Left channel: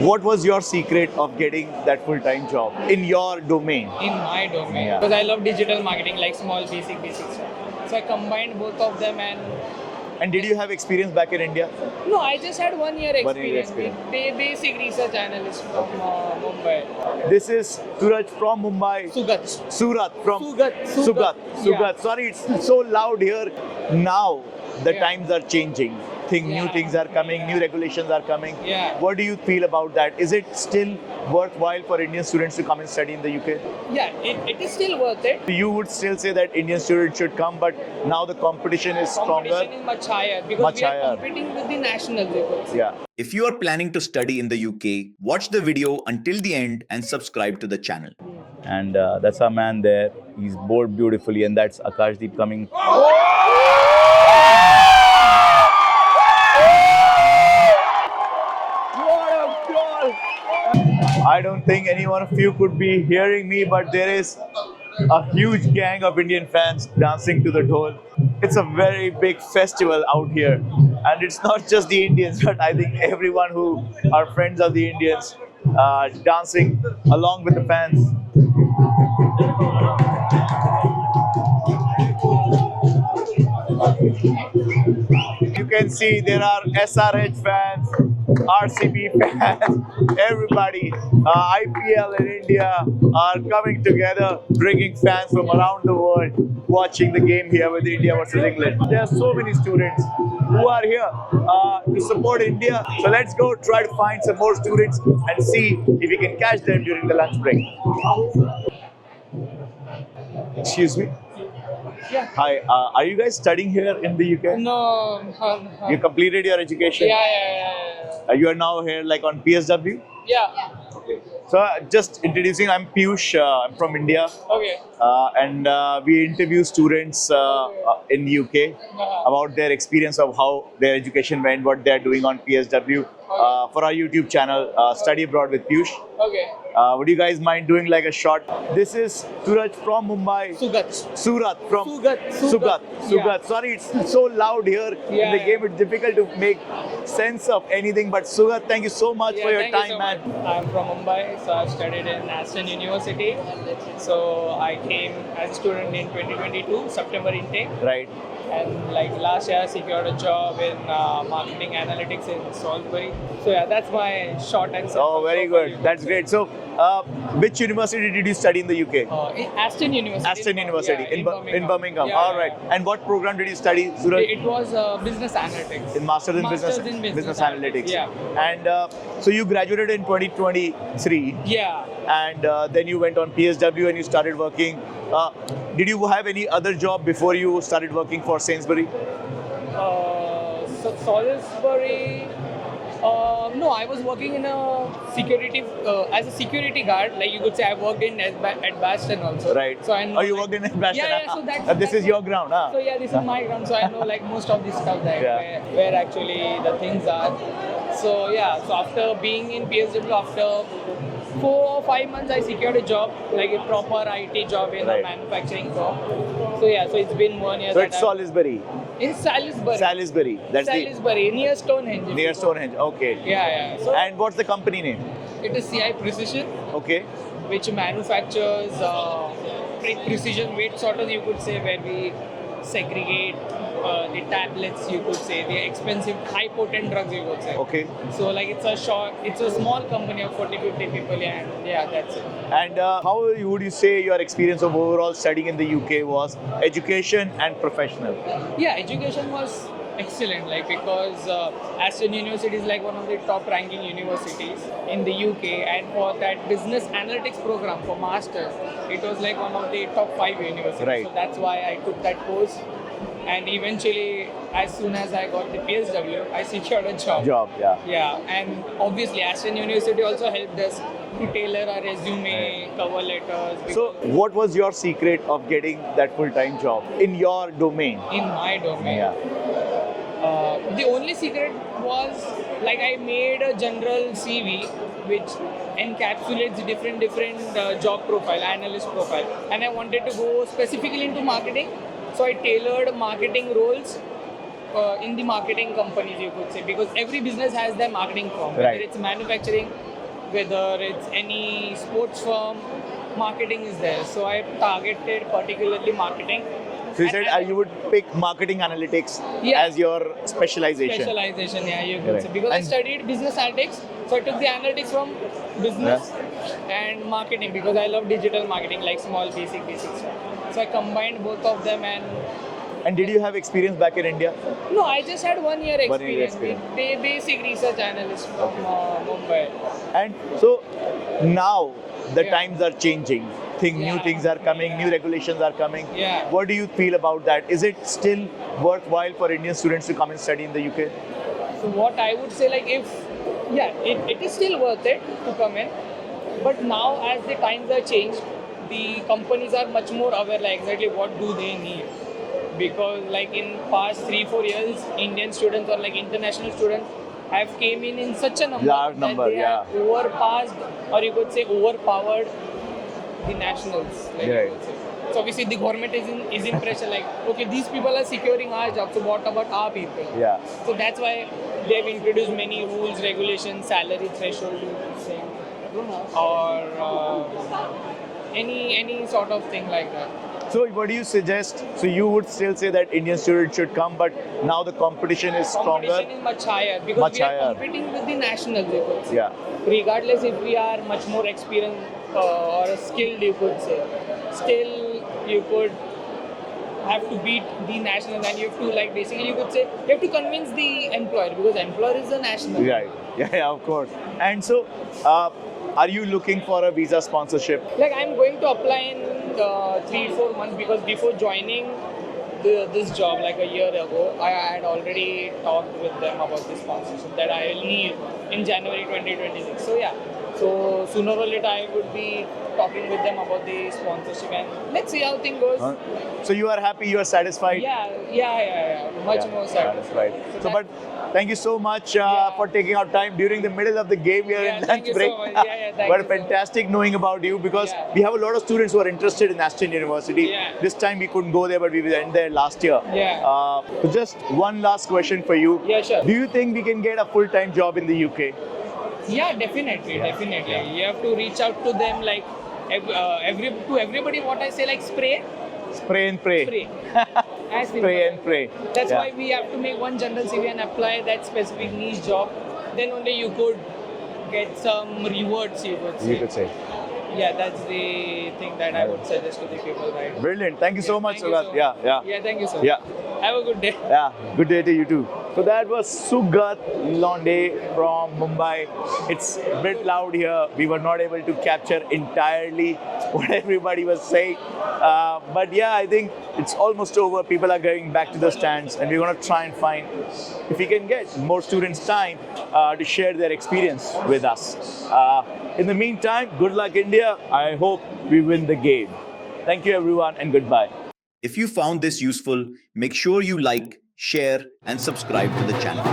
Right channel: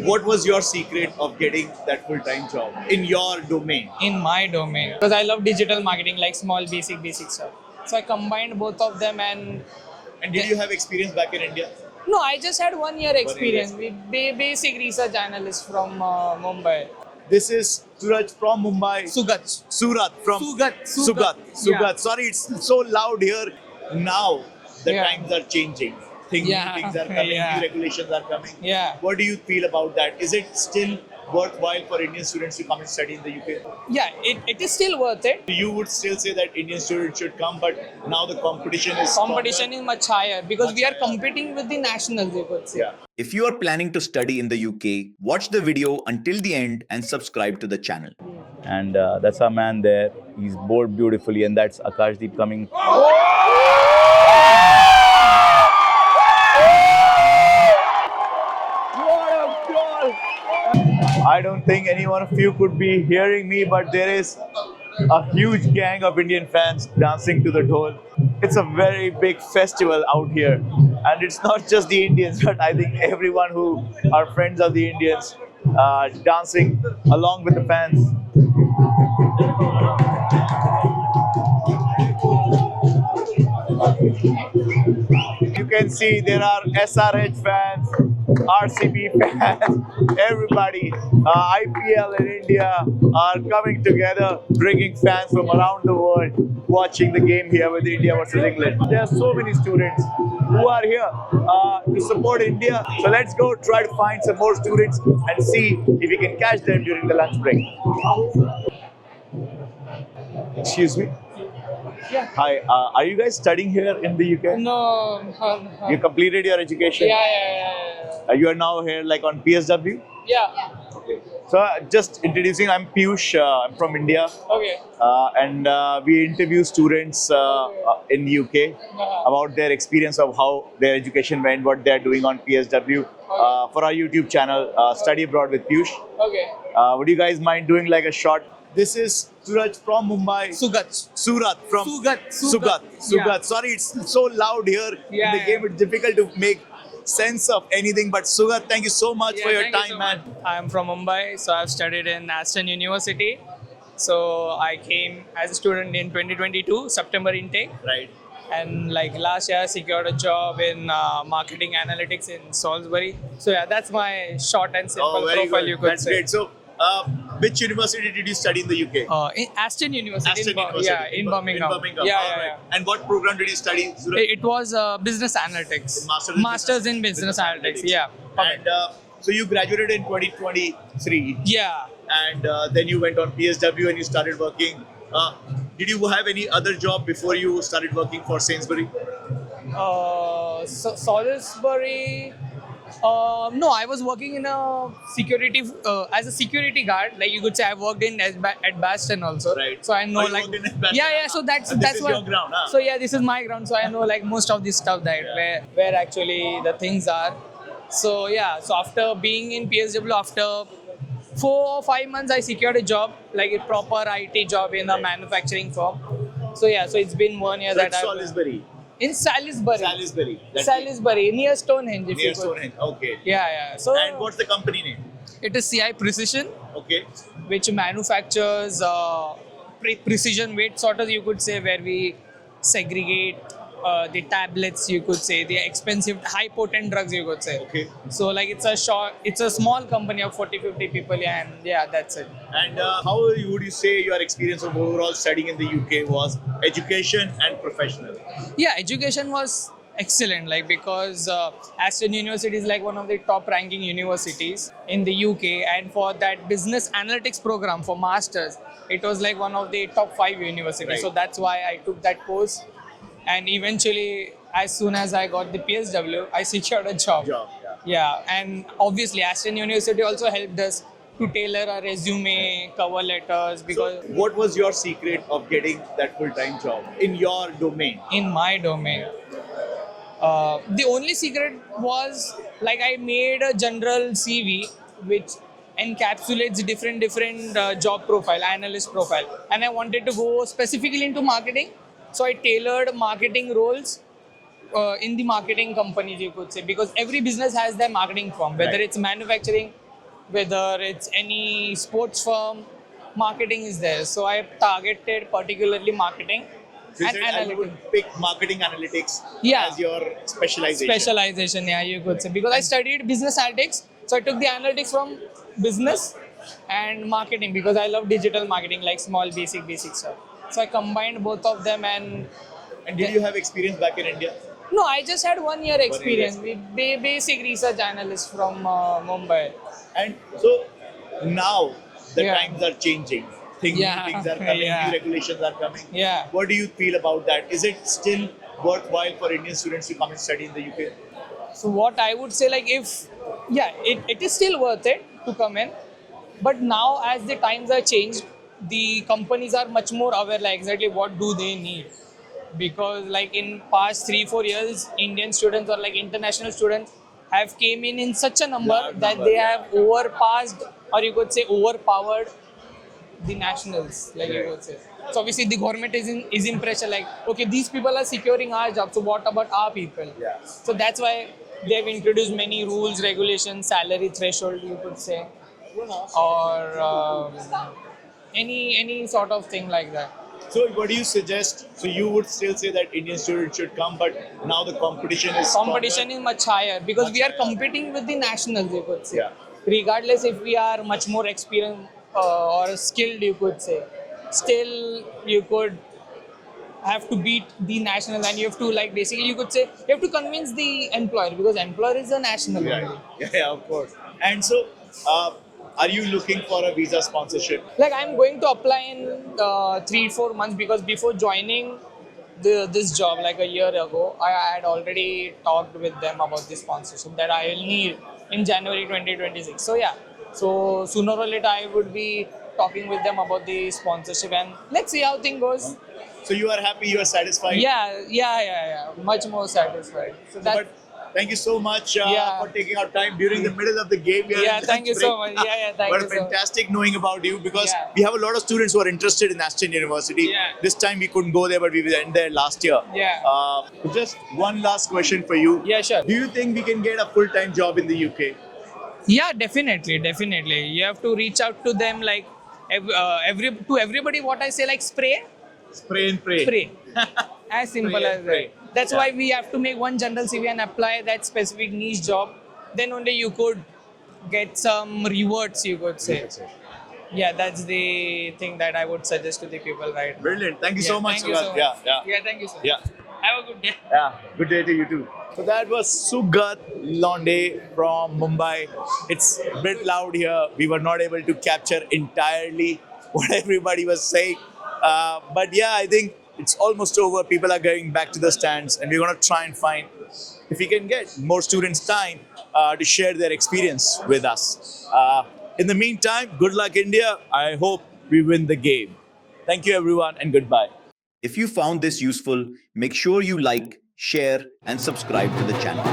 What was your secret of getting that full-time job in your domain? In my domain, Yeah. because I love digital marketing, like small basic stuff. So I combined both of them and And did you have experience back in India? no, I just had 1 year 1 year experience. experience. Basic research analyst from Mumbai. This is Suraj from Mumbai. Sugat. Surat from Sugat. Sugat. Yeah. Sorry, it's so loud here. Now the Yeah. times are changing. New Yeah. things are coming, Yeah. new regulations are coming. Yeah. What do you feel about that? Is it still worthwhile for Indian students to come and study in the UK? Yeah, it is still worth it. You would still say that Indian students should come, but now the competition is Competition stronger. is much higher because Much we are higher. competing with the nationals. You could say. Yeah. If you are planning to study in the UK, watch the video until the end and subscribe to the channel. And that's our man there. He's bowled beautifully, and that's Akashdeep coming. What a goal! I don't think any one of you could be hearing me, but there is a huge gang of Indian fans dancing to the dhol. It's a very big festival out here, and it's not just the Indians, but I think everyone who are friends of the Indians dancing along with the fans. You can see there are SRH fans, RCB fans, everybody. IPL in India are coming together, bringing fans from around the world, watching the game here with India versus England. There are so many students who are here to support India. So let's go try to find some more students and see if we can catch them during the lunch break. Excuse me. Yeah. Hi, are you guys studying here in the UK? No. You completed your education? Yeah. You are now here like on PSW? Yeah. So just introducing, I'm Piyush, I'm from India, Okay. and we interview students in UK about their experience of how their education went, what they're doing on PSW for our YouTube channel, Study Abroad with Piyush. Okay. Would you guys mind doing like a short? This is Suraj from Mumbai. Sugat. Surat from Sugat. Sugat. Sorry, it's so loud here. Yeah, The yeah. game, it's difficult to make sense of anything. But Sugat, thank you so much for your Thank you time, so man. much. I'm from Mumbai, so I've studied in Aston University. So I came as a student in 2022, September intake. Right. And like last year, I secured a job in marketing analytics in Salisbury. So yeah, that's my short and simple Oh, very profile. good. You could That's say. great. So, which university did you study in the UK? In Aston University. Aston in University in Birmingham. In Birmingham. Yeah, All yeah, right. yeah. And what program did you study, Suraj? It was business analytics. In Masters in Business Analytics. Yeah. And so you graduated in 2023, Yeah. and then you went on PSW and you started working. Did you have any other job before you started working for Sainsbury? Salisbury. No, I was working in a security as a security guard. Like you could say, I worked in at Baston also. Right. So I know Oh, you like worked in Baston. yeah. So that's And this that's is what- your ground, huh? So yeah, this is my ground. So I know like most of this stuff that Yeah. where actually the things are. So yeah. So after being in PSW, after 4 or 5 months, I secured a job, like a proper IT job in a Right. manufacturing firm. So yeah. So it's been 1 year So that it's I've- Salisbury. in Salisbury. Salisbury. That's Salisbury, near Stonehenge. the, if near you go. Stonehenge. Okay. Yeah. So And what's the company name? it is CI Precision, Okay. which manufactures precision weight sorters, you could say, where we segregate the tablets, you could say, the expensive, high potent drugs, you could say. Okay. So like it's a small company of 40-50 people, yeah, and yeah, that's it. And how would you say your experience of overall studying in the UK was education and professional? Yeah, education was excellent, like because Aston University is like one of the top ranking universities in the UK, and for that business analytics program for masters, it was like one of the top 5 universities. Right. So that's why I took that course, and eventually, as soon as I got the PSW, I secured a job. Yeah. Yeah, and obviously Aston University also helped us to tailor our resume, cover letters, So, because what was your secret of getting that full-time job in your domain? in my domain. The only secret was like I made a general CV which encapsulates different job profile, analyst profile, and I wanted to go specifically into marketing. So I tailored marketing roles in the marketing companies, you could say, because every business has their marketing firm, whether Right. it's manufacturing, whether it's any sports firm, marketing is there. So I targeted particularly marketing. So you and said you would analytics. pick marketing analytics Yeah. as your specialization. Specialization, yeah, you could Right. say. Because I And- studied business analytics, so I took the analytics from business and marketing because I love digital marketing, like small basic stuff. So I combined both of them And did you have experience back in India? no, I just had 1 year experience. experience. The basic research analyst from Mumbai. And so now the Yeah. times are changing. New Yeah. things are coming, Yeah. new regulations are coming. Yeah. What do you feel about that? Is it still worthwhile for Indian students to come and study in the UK? So what I would say, like it is still worth it to come in, but now as the times are changed, the companies are much more aware, like exactly what do they need, because like in past 3-4 years, Indian students or like international students have came in such a number Large that number, they yeah. have overpassed, or you could say overpowered the nationals, like you Right. could say. So obviously the government is in pressure, like okay, these people are securing our jobs, so what about our people? Yeah. So that's why they've introduced many rules, regulations, salary threshold, you could say, or any sort of thing like that. So what do you suggest? So you would still say that Indian students should come, but now the competition is Competition stronger. is much higher because Much we are higher. competing with the nationals, you could say. Yeah. Regardless if we are much more experienced or skilled, you could say, still you could have to beat the nationals, and you have to, like, basically you could say you have to convince the employer because employer is a national. Right. Yeah, of course. And so, are you looking for a visa sponsorship? Like I'm going to apply in 3-4 months because before joining this job like a year ago, I had already talked with them about the sponsorship that I will need in January 2026. So yeah, so sooner or later I would be talking with them about the sponsorship, and let's see how thing goes. Huh? So you are happy, you are satisfied? Yeah. Much Yeah. more satisfied. So, that- but thank you so much Yeah. for taking out time during the middle of the game here. Yeah, in thank lunch you so break. much. Yeah, thank But you so much. fantastic knowing about you because Yeah. we have a lot of students who are interested in Ashton University. Yeah. This time we couldn't go there, but we were there last year. Yeah. So just one last question for you. Yeah, sure. Do you think we can get a full-time job in the UK? Yeah, definitely. You have to reach out to them, like everybody. What I say, like spray. Spray and pray. Pray. As simple Pray as and pray. that. That's Yeah. why we have to make one general CV and apply that specific niche job. Then only you could get some rewards, you could say. You could say. Yeah, that's the thing that I would suggest to the people, right? Brilliant. Thank you so much, Thank you so Sugat. much. Yeah. Yeah, thank you so much. Yeah. Have a good day. Yeah, good day to you too. So that was Sugat Londe from Mumbai. It's a bit loud here. We were not able to capture entirely what everybody was saying. But yeah, I think it's almost over. People are going back to the stands, and we're going to try and find if we can get more students time to share their experience with us. In the meantime, good luck, India. I hope we win the game. Thank you, everyone, and goodbye. If you found this useful, make sure you like, share, and subscribe to the channel.